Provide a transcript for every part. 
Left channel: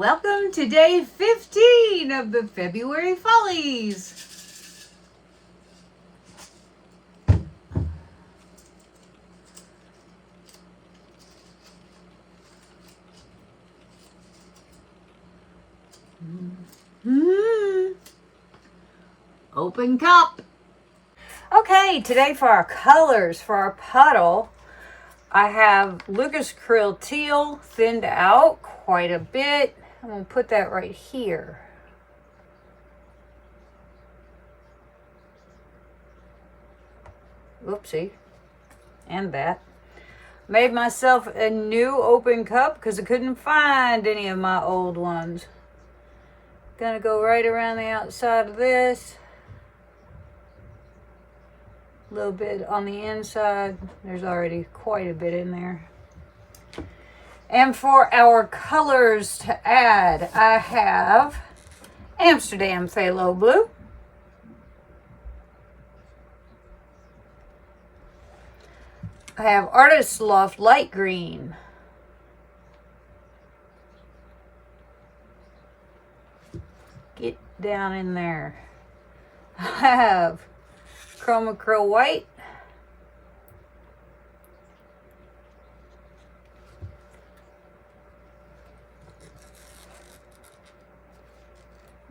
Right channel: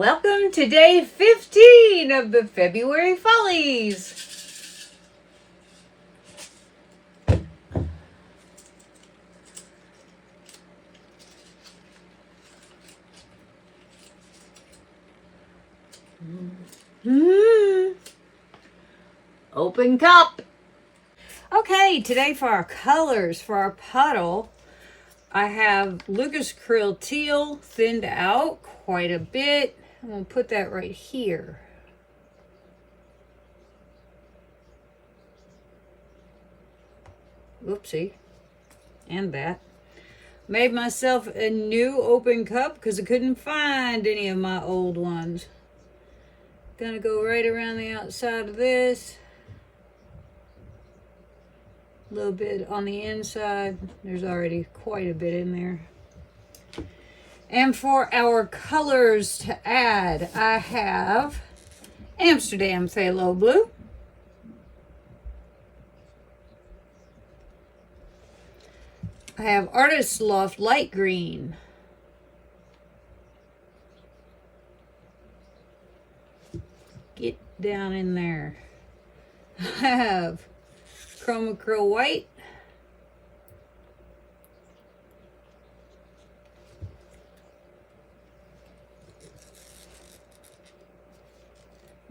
Welcome to day 15 of the February Follies. Open cup. Okay, today for our colors, for our puddle, I have Lucas Krill Teal thinned out quite a bit. I'm going to put that right here. Oopsie. And that. Made myself a new open cup because I couldn't find any of my old ones. Gonna go right around the outside of this. A little bit on the inside. There's already quite a bit in there. And for our colors to add, I have Amsterdam Phthalo Blue, I have Artist Loft Light Green, get down in there. I have Chroma Krill White,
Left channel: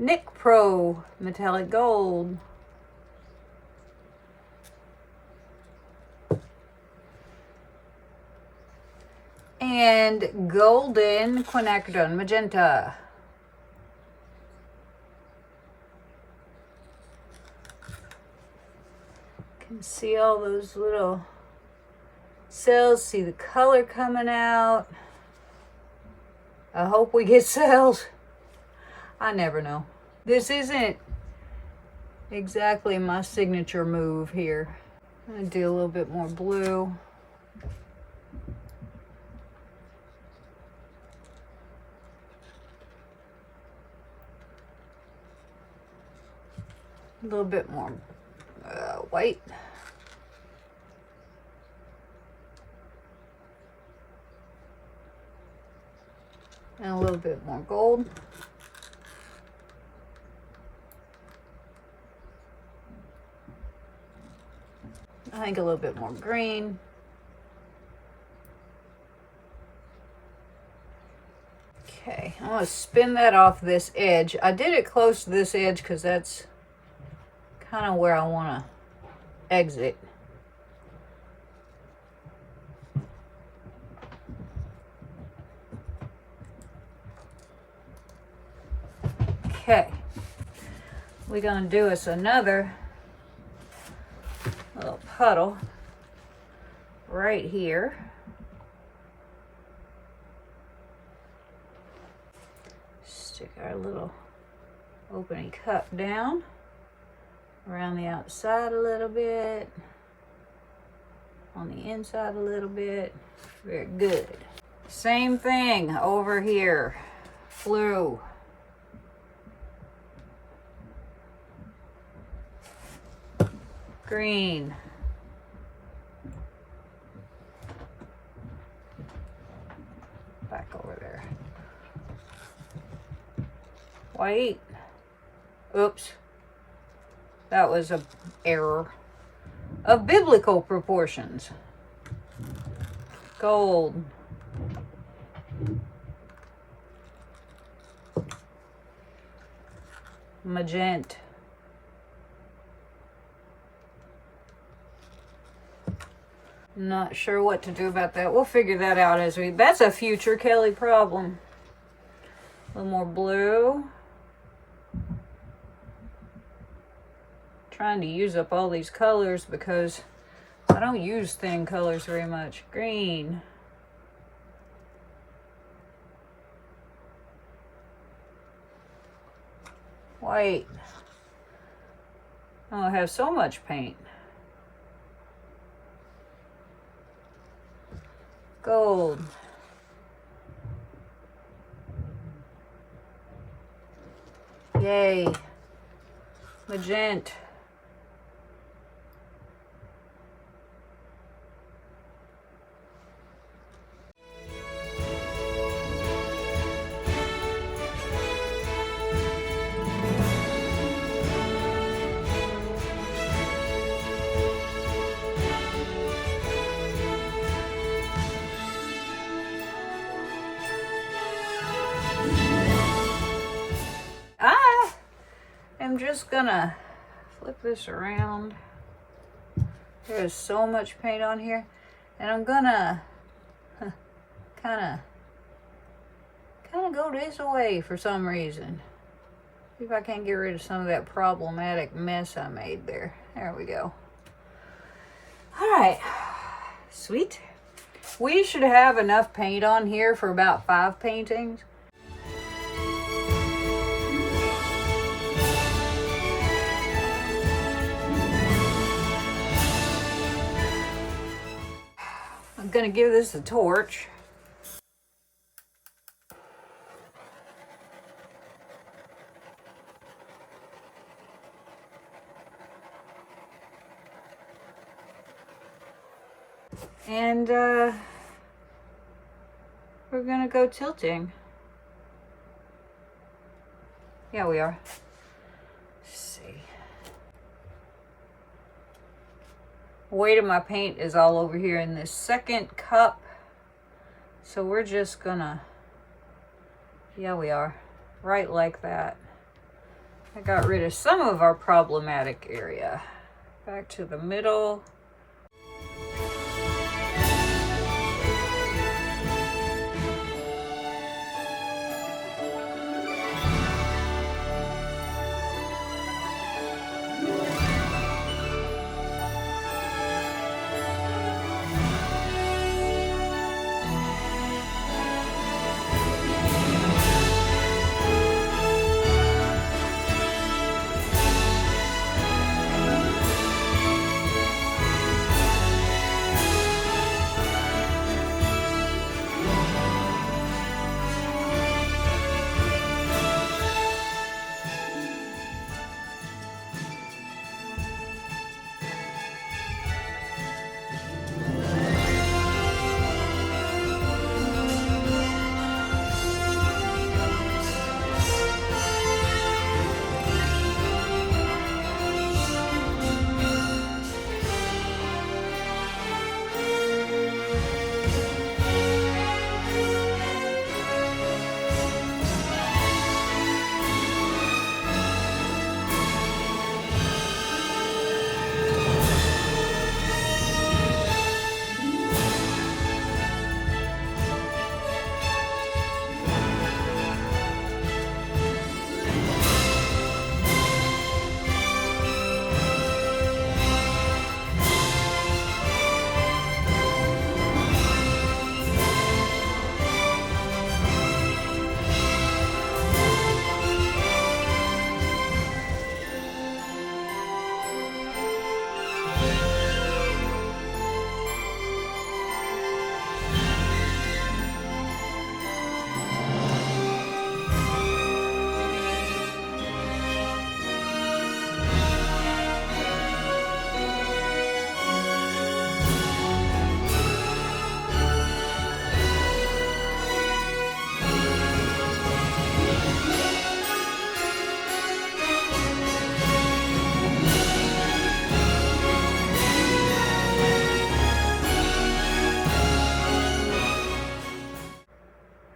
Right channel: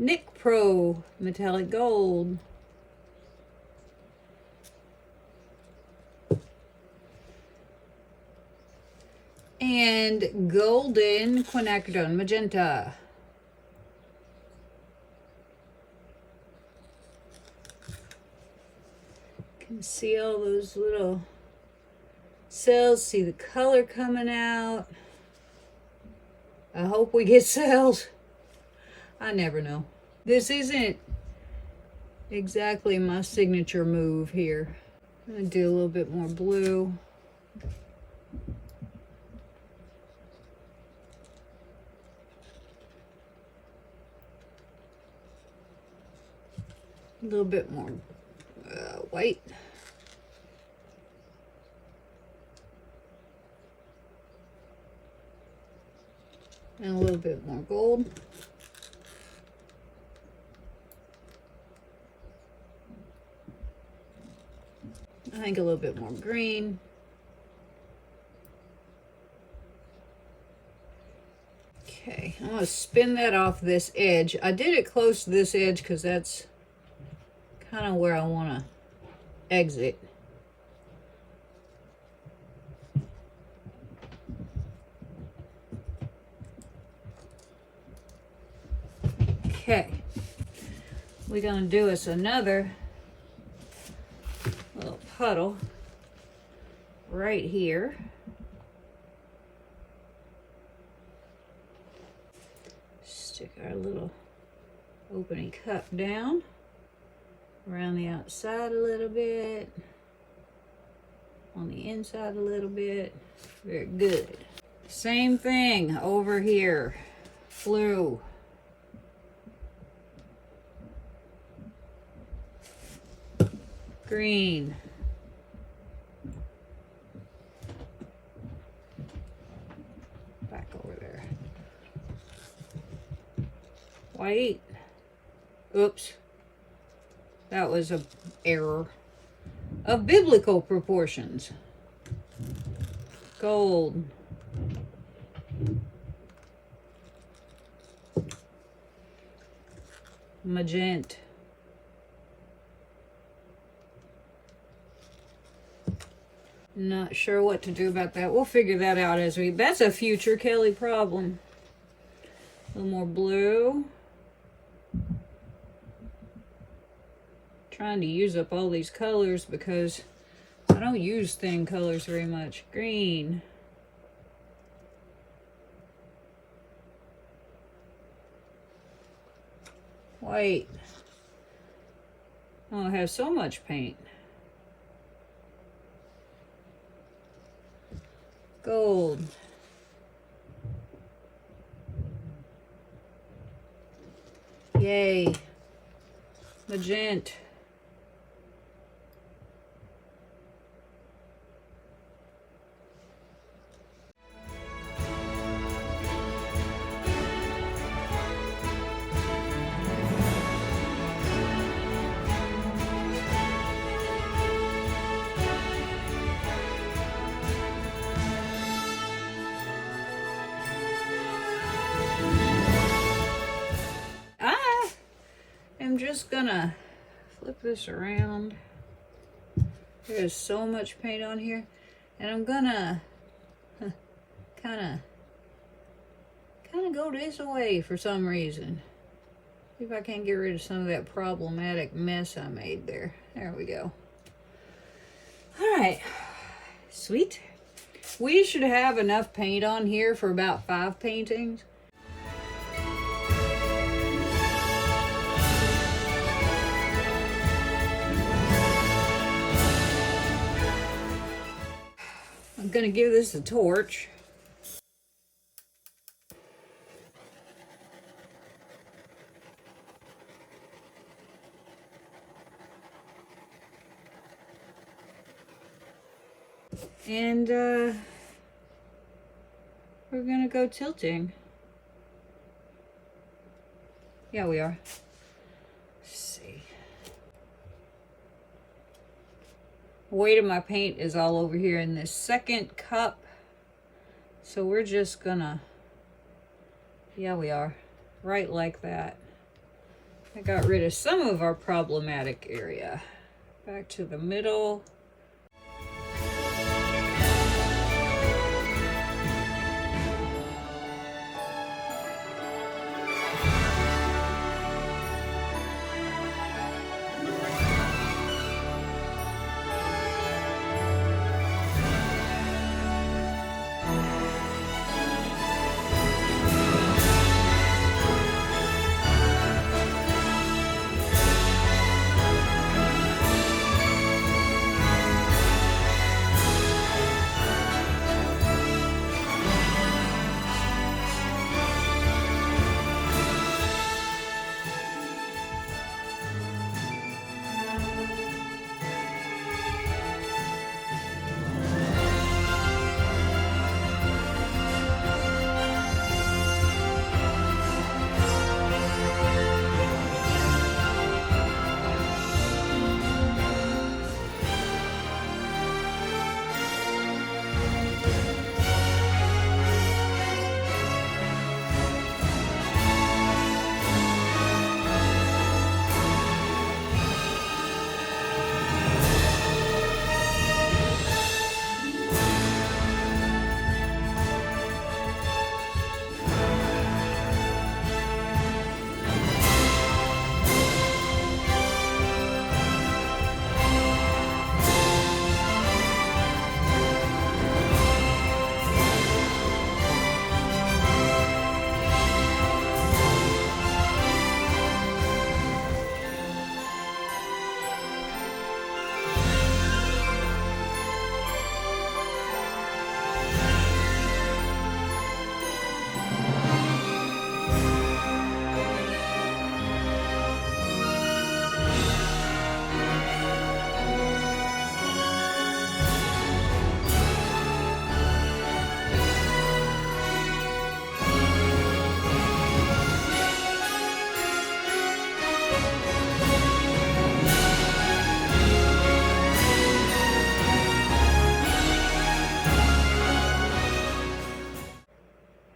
Nick Pro Metallic Gold, and Golden Quinacridone Magenta. You can see all those little cells, see the color coming out. I hope we get cells. I never know. This isn't exactly my signature move here. I'm gonna do a little bit more blue. A little bit more white. And a little bit more gold. I think a little bit more green. Okay, I'm going to spin that off this edge. I did it close to this edge because that's kind of where I want to exit. Okay, we're going to do us another little puddle right here. Stick our little opening cup down around the outside a little bit, on the inside a little bit. Very good. Same thing over here. Blue. Green. Back over there. White. Oops. That was an error of biblical proportions. Gold. Magenta. Not sure what to do about that. We'll figure that out as we... That's a future Kelly problem. A little more blue. Trying to use up all these colors because I don't use thin colors very much. Green. White. Oh, I have so much paint. Gold. Yay. Magenta. just gonna flip this around. There is so much paint on here. And I'm gonna kind of go this way for some reason. See if I can get rid of some of that problematic mess I made there. There we go. All right, sweet. We should have enough paint on here for about 5 paintings. I'm gonna give this a torch. And we're gonna go tilting. Yeah, we are. Let's see. Weight of my paint is all over here in this second cup. So we're just gonna, yeah, we are. Right like that. I got rid of some of our problematic area. Back to the middle.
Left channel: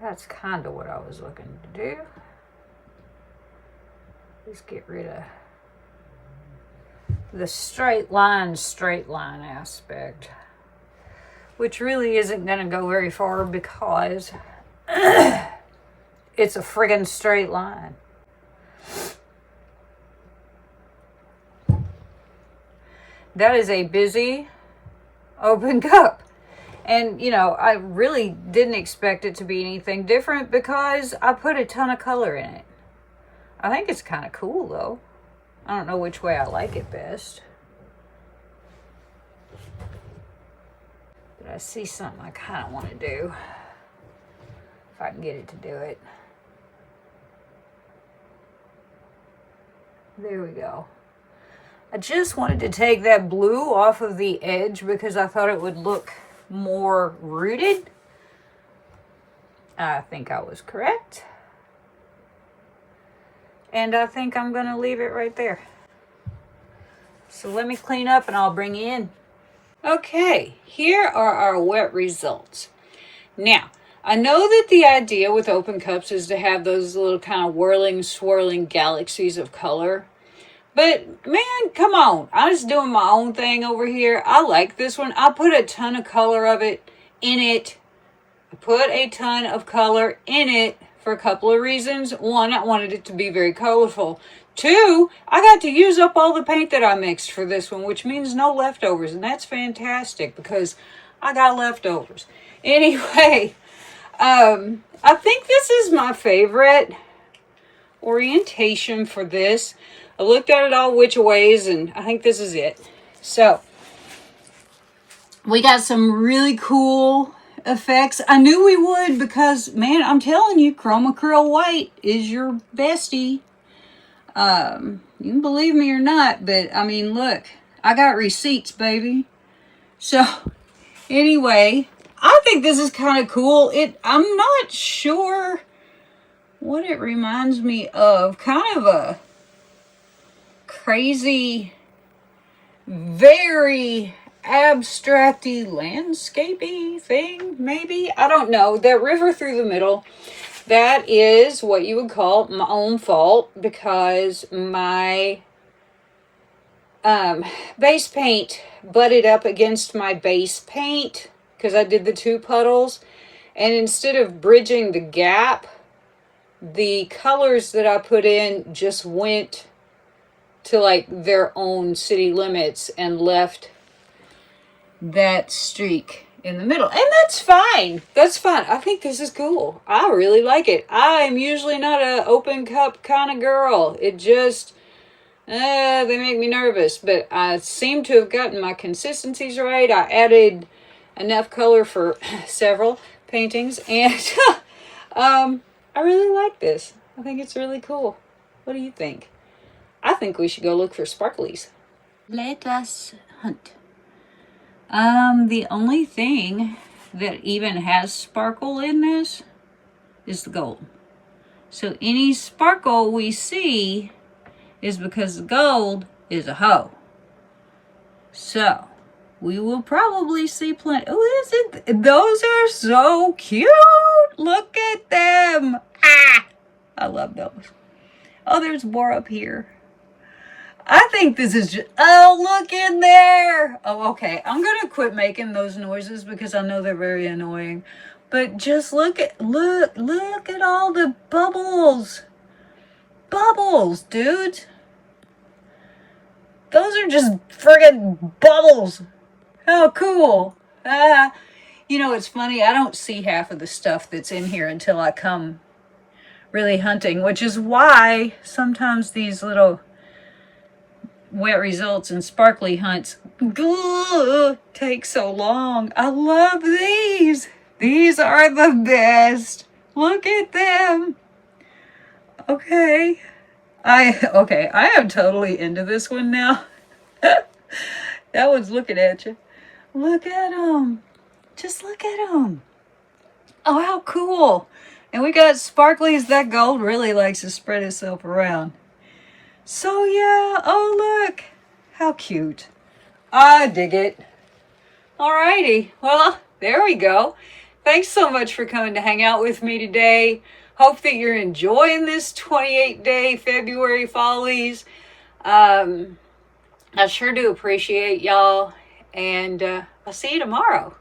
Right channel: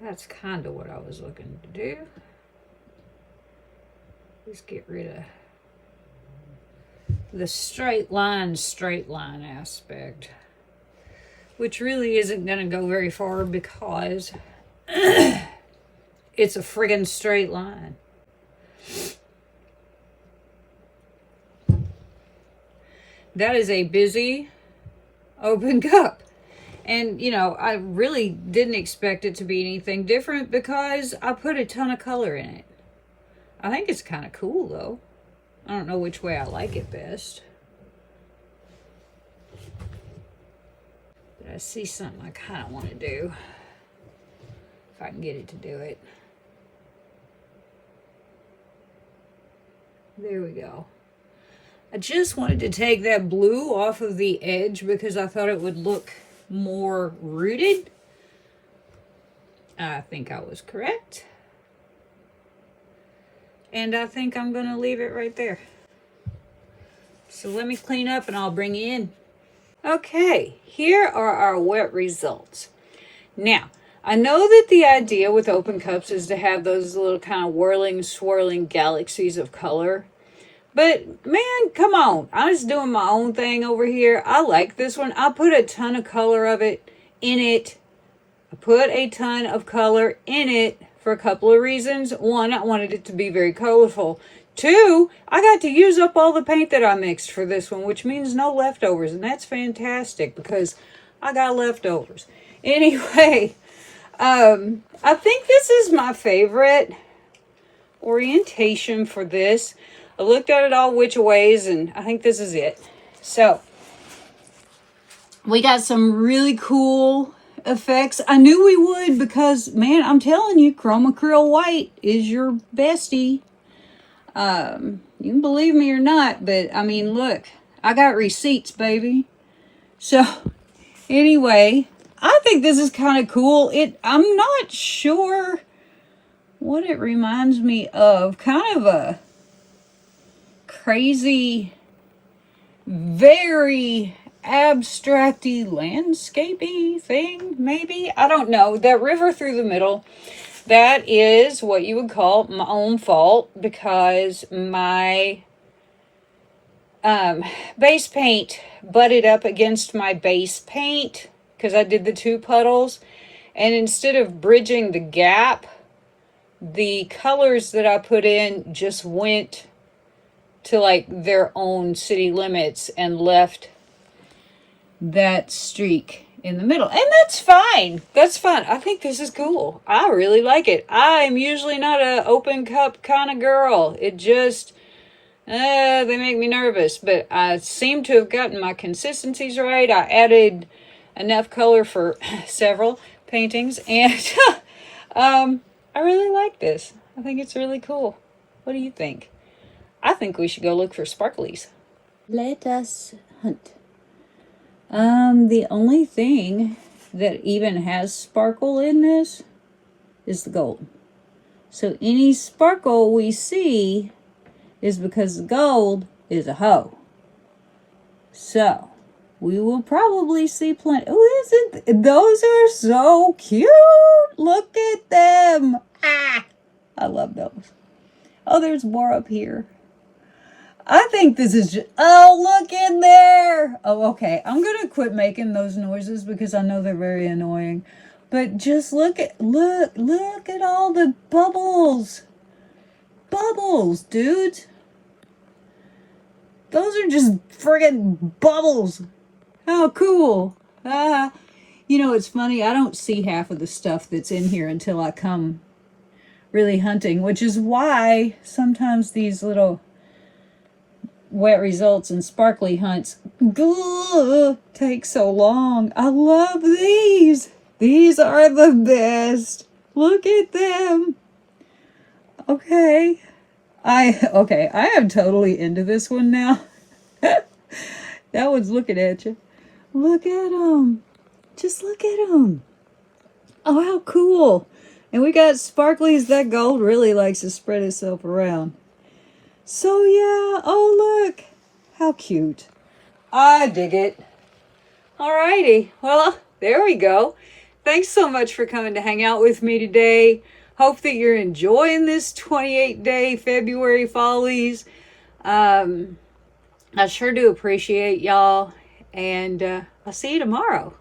That's kind of what I was looking to do. Just get rid of the straight line aspect, which really isn't going to go very far because it's a friggin' straight line. That is a busy open cup. And, you know, I really didn't expect it to be anything different because I put a ton of color in it. I think it's kind of cool, though. I don't know which way I like it best. But I see something I kind of want to do. If I can get it to do it. There we go. I just wanted to take that blue off of the edge because I thought it would look more rooted. I think I was correct. And I think I'm going to leave it right there. So let me clean up and I'll bring you in. Okay, here are our wet results. Now, I know that the idea with open cups is to have those little kind of whirling, swirling galaxies of color. But man, come on. I was doing my own thing over here. I like this one. I put a ton of color of it in it. I put a ton of color in it for a couple of reasons. One, I wanted it to be very colorful. Two, I got to use up all the paint that I mixed for this one, which means no leftovers. And that's fantastic because I got leftovers. Anyway, I think this is my favorite orientation for this. I looked at it all which ways, and I think this is it. So, we got some really cool effects. I knew we would because, man, I'm telling you, Chroma Acryl White is your bestie. You can believe me or not, but, I mean, look, I got receipts, baby. So, anyway, I think this is kind of cool. I'm not sure what it reminds me of. Kind of a crazy, very abstracty landscapey thing, maybe. I don't know. That river through the middle, that is what you would call my own fault because my base paint butted up against my base paint because I did the two puddles, and instead of bridging the gap, the colors that I put in just went to like their own city limits and left that streak in the middle. And that's fine. That's fun. I think this is cool. I really like it. I'm usually not an open cup kind of girl. It just, they make me nervous. But I seem to have gotten my consistencies right. I added enough color for several paintings. And I really like this. I think it's really cool. What do you think? I think we should go look for sparklies. Let us hunt. The only thing that even has sparkle in this is the gold. So any sparkle we see is because the gold is a hoe. So we will probably see plenty. Oh, is it? Those are so cute. Look at them. Ah, I love those. Oh, there's more up here. I think this is just, oh, look in there. Oh, okay. I'm going to quit making those noises because I know they're very annoying. But just look at all the bubbles. Bubbles, dudes. Those are just friggin' bubbles. How cool. You know, it's funny. I don't see half of the stuff that's in here until I come really hunting, which is why sometimes these little wet results and sparkly hunts take so long. I love these. These are the best. Look at them. Okay. I am totally into this one now. That one's looking at you. Look at them. Just look at them. Oh, how cool. And we got sparklies. That gold really likes to spread itself around. So yeah, oh look, how cute. I dig it. Alrighty, well, there we go. Thanks so much for coming to hang out with me today. Hope that you're enjoying this 28-day February Follies. I sure do appreciate y'all, and I'll see you tomorrow.